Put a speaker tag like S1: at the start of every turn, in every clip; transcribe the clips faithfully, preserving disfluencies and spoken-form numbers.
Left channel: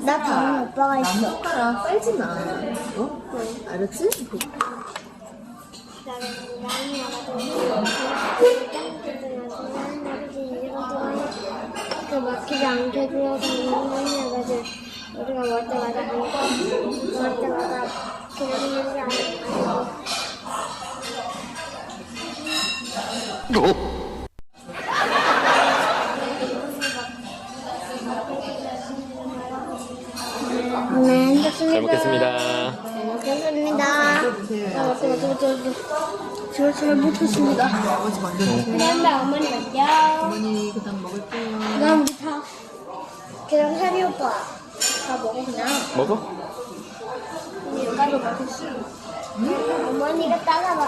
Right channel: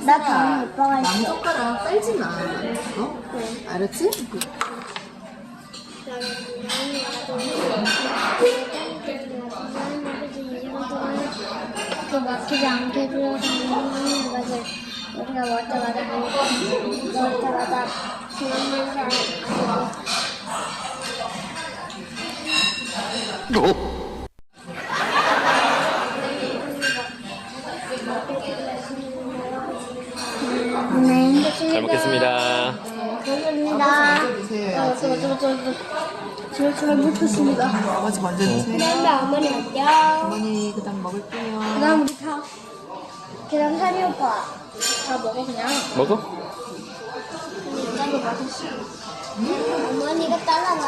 S1: 나 다음에 오빠가 있어.
S2: 나무젓가락 빨지 마. 어? 알았지?
S1: 그 막히지 않게 해주려고 하는 것을 우리가 먹을 때마다 먹을 때마다 그런 일이 아니고 네,
S3: 잘 먹겠습니다.
S1: 먹겠습니다. 어, 맞아, 맞아, 맞아, 맞아. 제가 잘 못했습니다.
S2: 아직 먼저 드세요.
S1: 그다음에 어머니 안녕.
S2: 어머니 그다음 먹을게요.
S1: 그다음 우리 다. 그다음 사리 오빠.
S2: 다 먹어 그냥.
S3: 먹어?
S1: 일단은 맛있어. 어머니가 따라봐.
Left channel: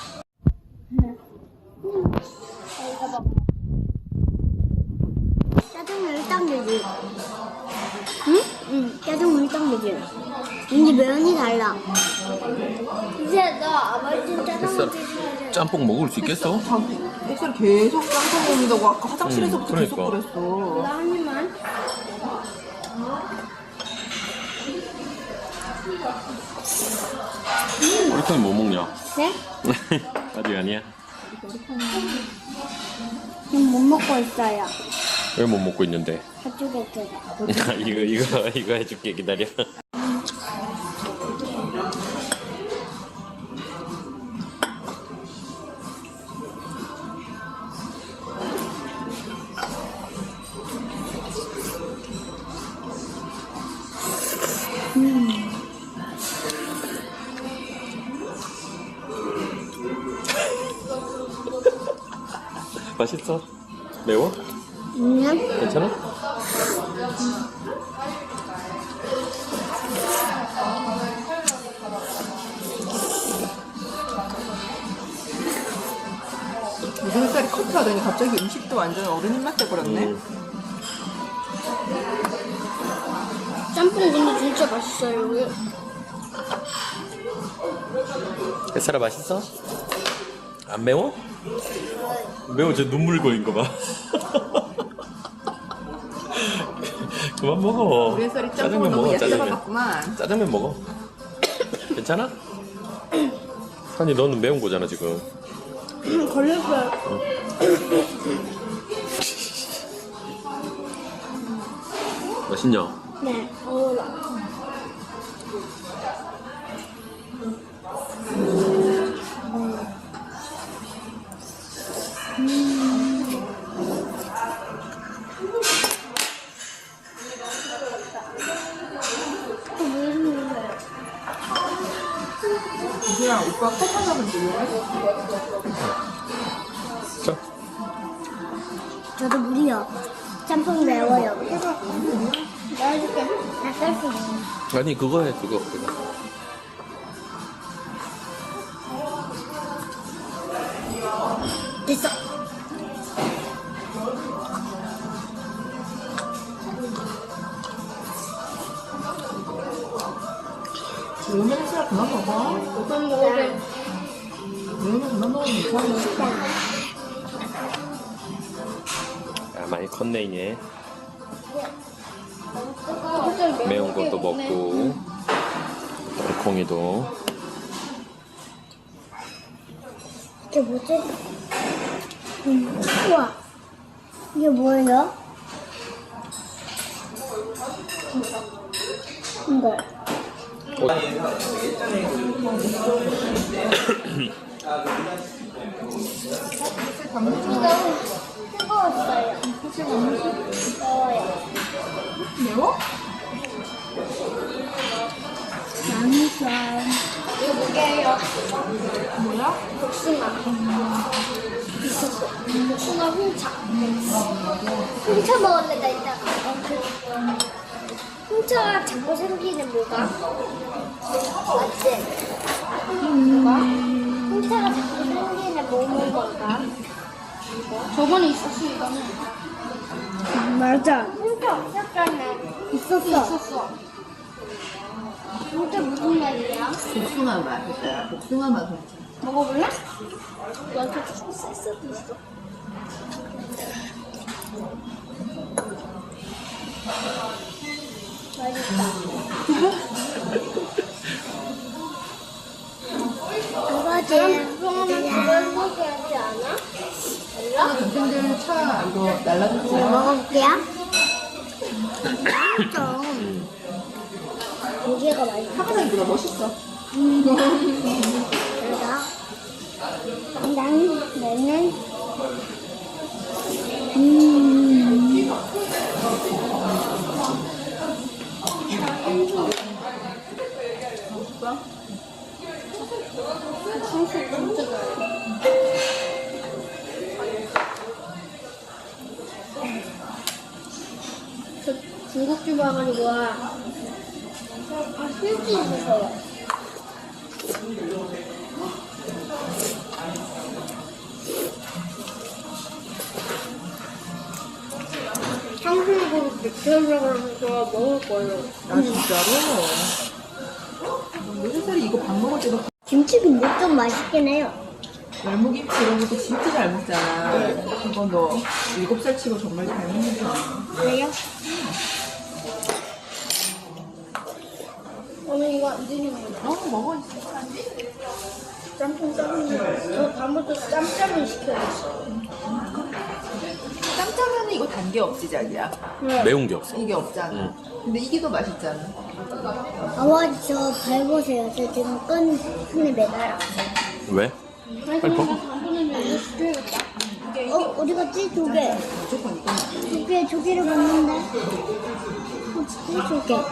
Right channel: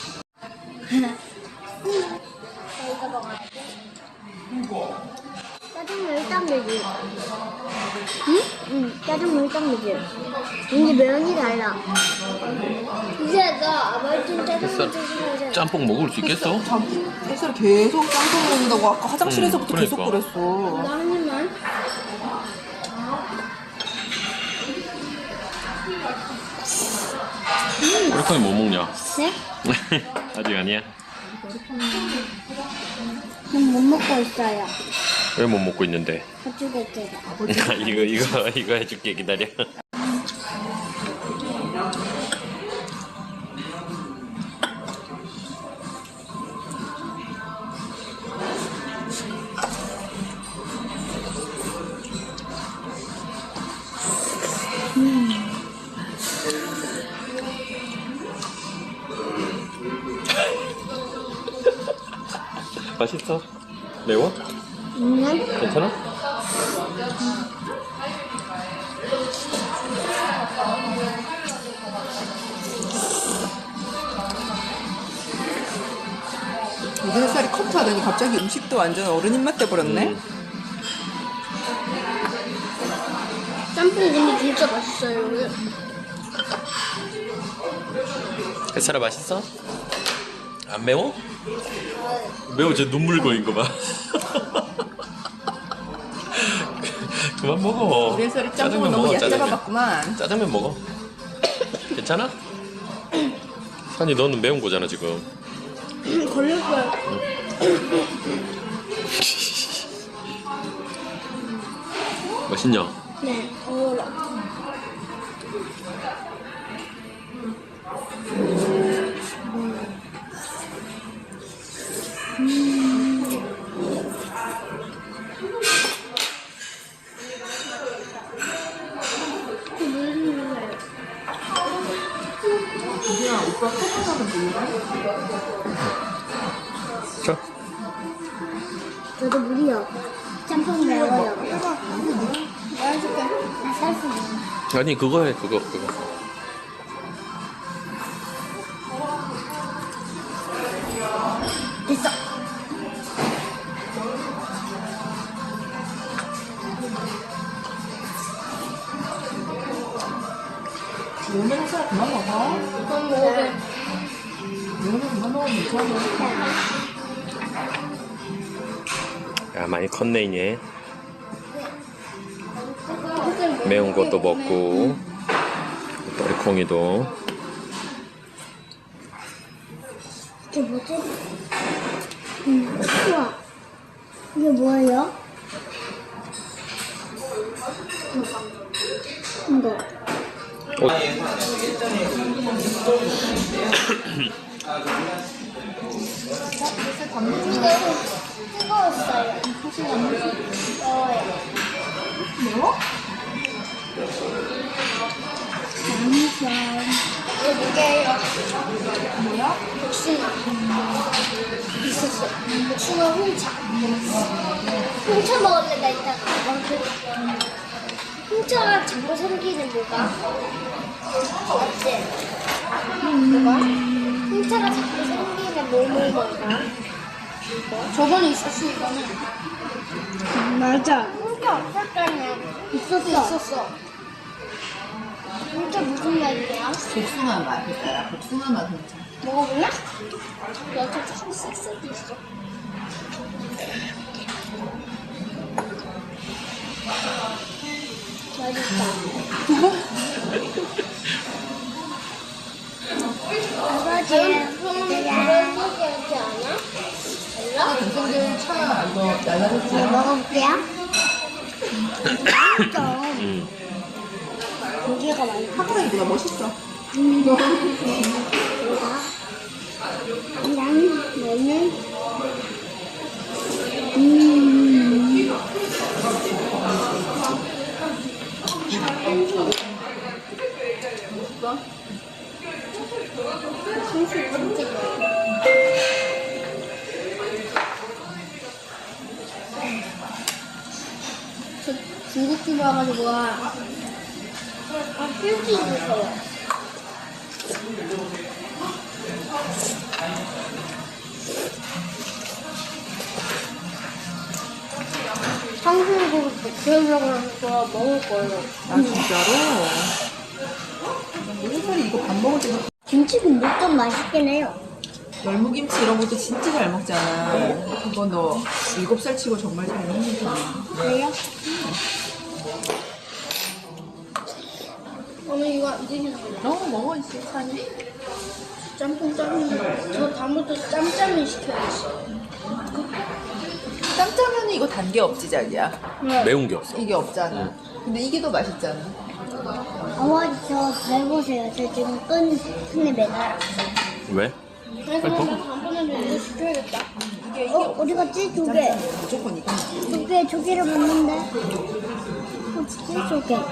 S1: 자, 이거 먹어야 돼. 짜장면 땅이지. 응? 응, 짜장면 땅이지. 근데 면이 달라. 이제 너 아버지 짜장면 드시면
S3: 짬뽕 먹을 수 있겠어?
S2: 햇살 계속 짬뽕 먹는다고 아까 화장실에서부터
S3: 음,
S2: 계속
S3: 그러니까.
S2: 그랬어.
S1: 한 입만.
S3: 우리 콩이 못 먹냐?
S1: 네?
S3: 아직 아니야?
S1: 지금 못 먹고 있어요.
S3: 왜 못 먹고 있는데?
S1: 가지고
S3: 이거 이거 이거 해줄게 기다려. 맛있어? 매워?
S1: 그냥
S3: 괜찮아?
S2: 햇살이 컴퓨터 되니 갑자기 음식도 완전 어른 입맛 돼버렸네.
S3: 음.
S1: 짬뽕 근데 진짜 맛있어요.
S3: 햇살아 맛있어? 안 매워? 매워. 쟤 눈물 고인 거 봐. 그만 먹어.
S2: 우리 햇살이 짬뽕을
S3: 짜장면
S2: 너무
S3: 먹어.
S2: 얕게
S3: 짜장면.
S2: 잡아봤구만.
S3: 짜장면 먹어. 괜찮아? 산이 너는 매운 거잖아 지금.
S1: 걸렸어요.
S3: 맛있냐?
S1: 네, 어울려.
S2: 그냥 오빠 컴퓨터는 몰라?
S3: 자.
S1: 저도 물이요. 짬뽕 매워요. 말해줄게. 나 쌀수 있는.
S3: 아니 그거 해 그거 그거.
S1: 있어.
S2: 오늘 햇살 그만 먹어.
S1: 그만 먹을게.
S2: 오늘 그만 먹으면 좋아.
S3: 야 많이 컸네 이제. 매운 것도 먹고 우리 콩이도.
S1: 이게 뭐지? 음, 우와. 이게 뭐예요? 이거. 뜨거웠어요. 매워? 잠시만. 이거 뭐게요? 뭐야? 복숭아. 있었어. 복숭아 홍차. 홍차 먹을래, 나 이따가. 홍차가 자꾸 생기는 뭐가? 맞지? 뭐가? 홍차가 자꾸 생기는 뭐뭐 먹나? 저번에 있었어, 이거는. 맞아. 홍차 없었잖아. 있었어. 있었어. 홍차 무슨 맛이야?
S2: 복숭아 맛, 햇살아. 복숭아 맛 홍차.
S1: 먹어볼래? 너한테 조금 쓸 수도 있어. 맛있다. 아버지, 먹어보게 하지 않아?
S2: 아, 동생들 차 이거 날라가지고.
S1: 먹어볼게요. 맛있어. 고기가 맛있어.
S2: 하나 이거 멋있어.
S1: 그러다. 난, 너는? 음.
S2: 맛있어?
S1: 향수 진짜 좋아. 저 중국집에 와가지고 아, 일찍 있어요. 상승으로 맥주라고 하면서 먹을 거예요.
S2: 아, 진짜로? 햇살이 이거 밥 먹을 때도
S1: 김치국물 좀 맛있긴 해요.
S2: 열무김치 이런 것도 진짜 잘 먹잖아. 이건 너 일곱 살 치고 정말 잘 먹는다.
S1: 그래요? 오늘 이거 안 드시는 거예요?
S2: 어, 먹어, 있어, 찬이.
S1: 짬뽕 짬뽕. 저 다음부터 짬짬이 시켜야겠어요.
S2: 짬짜면이 이거 단 게 없지, 자기야.
S3: 매운 게 없어.
S2: 이게 없잖아. 근데 이게 더 맛있잖아.
S1: 아버지 저 밟으세요. 저 지금 끈 손에 매달아.
S3: 왜?
S1: 그래서
S3: 빨리
S1: 오늘 다음번에는 이거 시켜야겠다.
S2: 이게, 이게
S1: 어? 어디 갔지? 두 개.
S2: 무조건 이거.
S1: 두 개, 두 개를 봤는데. 어, 진짜 두 개.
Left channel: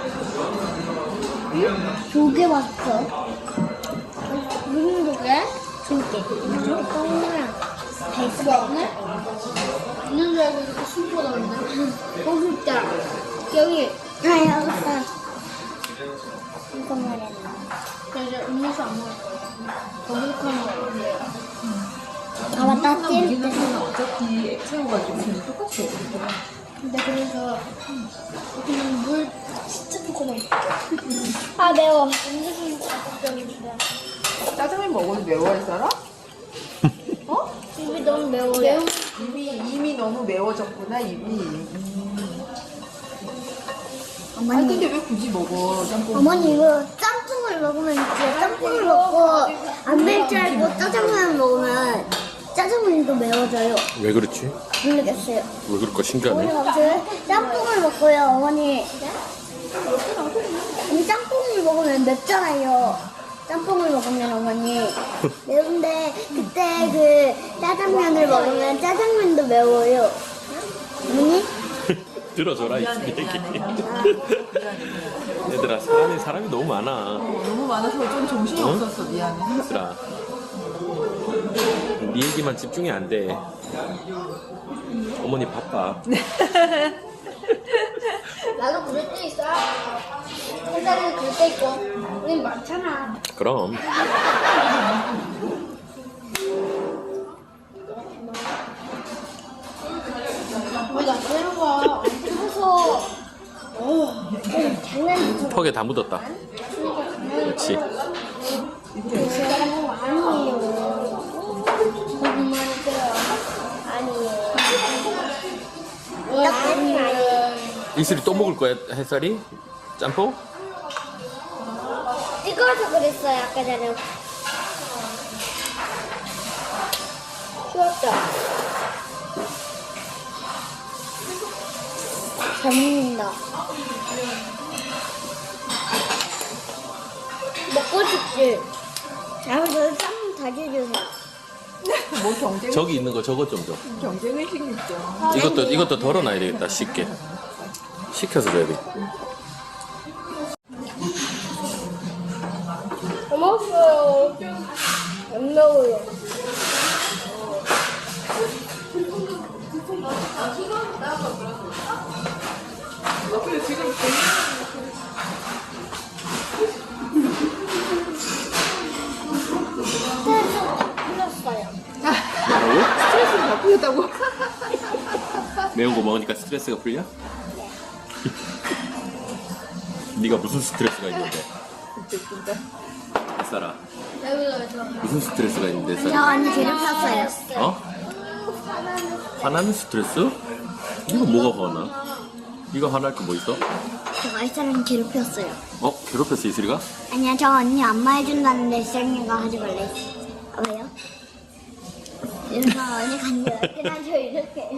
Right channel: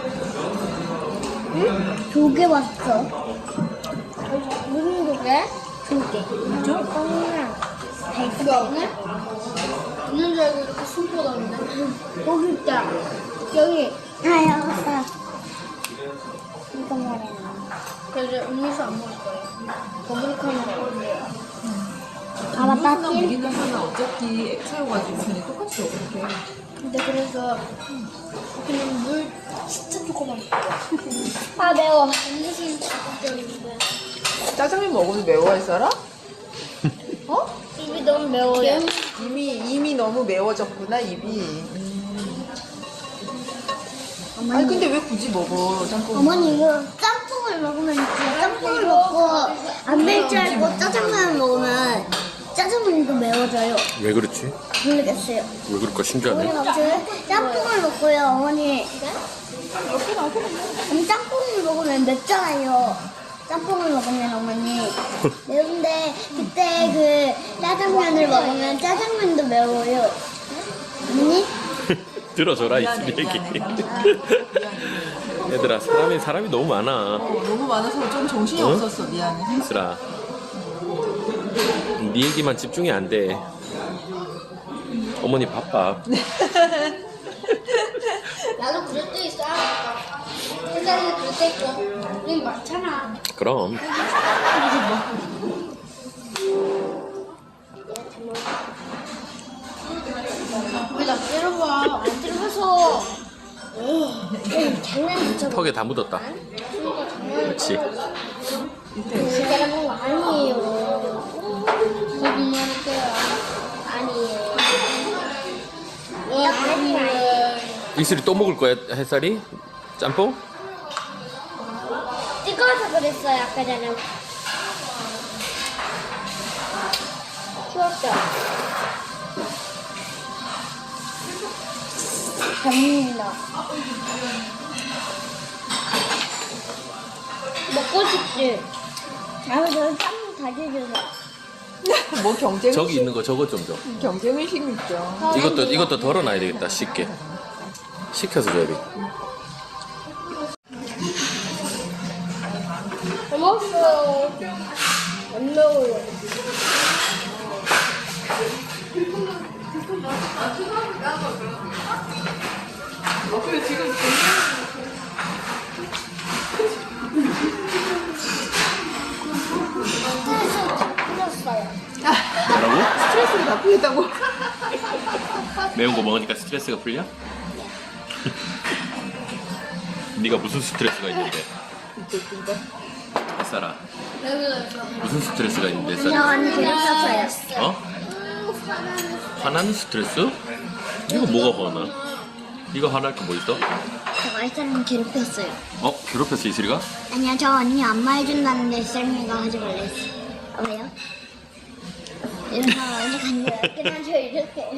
S1: 응? 두 개 봤어. 어, 무슨 두 개? 두 개. 그죠? 하나랑 베이스. 없네? 있는 줄 알고 이렇게 숨고 나오네. 어, 진짜. 여기. 아, 여기 있어. 이거 말해. 저 이제 음료수 안 먹을 거예요. 더블카는 먹을게요. 아, 맞다.
S2: 음료수나 무기능수는 어차피 액 채워가지고 그냥 똑같이 먹을게.
S1: 근데 그래서 그냥 물 진짜 조금만. 아, 매워. 음료수는 자극적인데.
S2: 짜장면 먹어도 매워할 사람?
S1: 어? 입이 너무 매워요. 매운
S2: 이미, 이미 너무 매워졌구나, 입이. 음. 아니,
S1: 어머니.
S2: 근데 왜 굳이 먹어, 짬뽕?
S1: 어머니 이거 짬뽕을 먹으면 진짜 짬뽕을 먹고 안 될 줄 알고 짜장면 먹으면 짜장면도 매워져요.
S3: 왜 그렇지?
S1: 모르겠어요.
S3: 왜 그럴까 신기하네.
S1: 짬뽕을 먹고요, 어머니. 이 짬뽕을 먹으면 맵잖아요. 짬뽕을 먹으면 어머니. 근데 그때 그 짜장면을 먹으면 짜장면도 매워요. 어머니?
S3: 들어줘라 이 얘기. 얘들아 사람이 사람이 너무 많아.
S2: 어, 너무 많아서 좀 정신이
S3: 어?
S2: 없었어, 미안해.
S3: 얘들아 네 얘기만 집중이 안 돼. 어머니 바빠.
S1: 나도 그럴 때 있어. 햇살이도 그럴 때 있고. 우린 많잖아.
S3: 그럼
S1: 왜 나 때려봐? 안 때려서. 어, 장난 못 쳐.
S3: 턱에 다 묻었다.
S1: 그러니까 장난.
S3: 그렇지.
S1: 진짜 뭐 아니에요. 거짓말이세요. 아니에요. 왜 거짓말을?
S3: 이슬이 또 먹을 거야 햇살이? 짬뽕?
S1: 뜨거워서 그랬어요 아까 전에. 추웠죠? 잘 먹는다. 먹고 싶지? 다음에 저는 쌈 다져줘서.
S2: 뭐 경쟁
S3: 저기 있는 거 저것 좀 줘.
S2: 경쟁의식 있죠.
S3: 이것도 이것도 덜어놔야 되겠다 쉽게. 식혀서 줘야 돼.
S1: 안 먹어요. 안 먹어요. 스트레스 풀었어요.
S3: 뭐라고?
S2: 풀렸다고?
S3: 매운 거 먹으니까 스트레스가 풀려? 네가 무슨 스트레스가 있는데? 햇살아 무슨 스트레스가 있는데
S1: 저
S3: 햇살아?
S1: 안에 재밌었어요.
S3: 어? 화나는 스트레스? 이거 뭐가 화나? 이거 화날 거 뭐 있어?
S1: 제가 이 사람 괴롭혔어요.
S3: 어? 괴롭혔어 이슬이가?
S1: 아니야, 저 언니 안마 해준다는데 썰매가 하지 말라 했어. 아, 왜요? 이러다 언니 간지러워. 그냥 저 이렇게.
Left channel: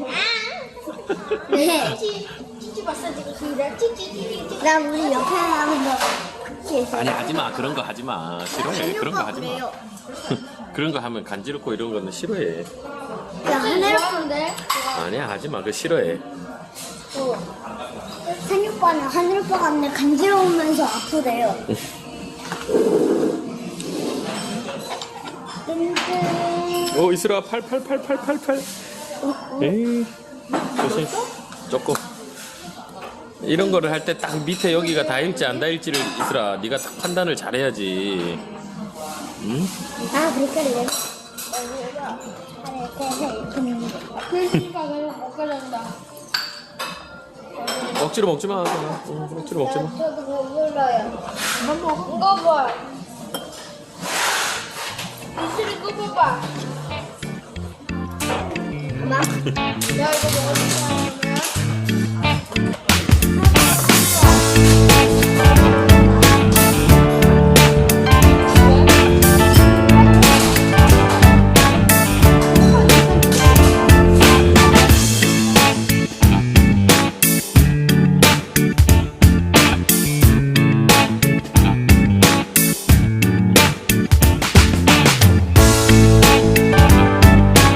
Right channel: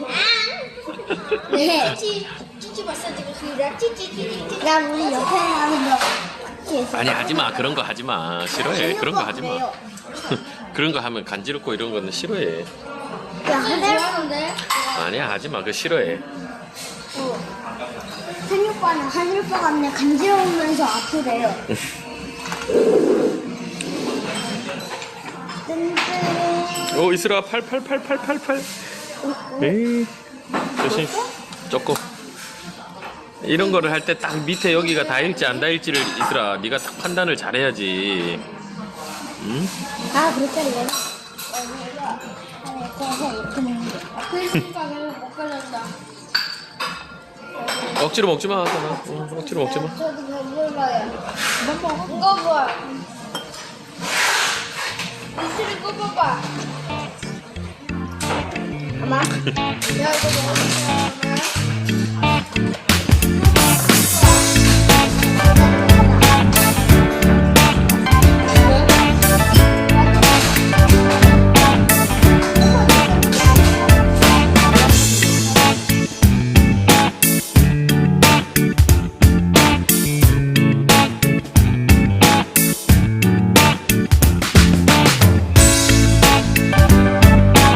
S1: 왜? 찌찌 마사지가 그래? 찌찌찌찌. 난 우리 옆에 하는 거 그렇게 해서.
S3: 아니 하지마 그런 거 하지마 싫어해 그런 거 하지마
S1: 그래요.
S3: 그런 거 하면 간지럽고 이런 거는 싫어해
S1: 야, 하늘오빠인데?
S3: 아니야 하지마 그거 싫어해
S1: 산이 오빠는 하늘 오빠가 그냥 간지러우면서 아프대요.
S3: 어 이슬아 팔 팔 팔 팔 팔 팔 에이 조심 조금 이런 거를 할 때 딱 밑에 여기가 닿을지 안 닿을지를 이슬아 네가 딱 판단을 잘해야지 응?
S1: 아, 그렇다길래. 여기가 이렇게 해서 이렇게 먹는 거. 그러니까 계속 먹게 된다.
S3: 억지로 먹지 마 억지로 먹지 마
S1: 저도 배불러요. 뭐 먹어? 꺼봐. 이슬이 꺼봐봐. 엄마? 내가 이거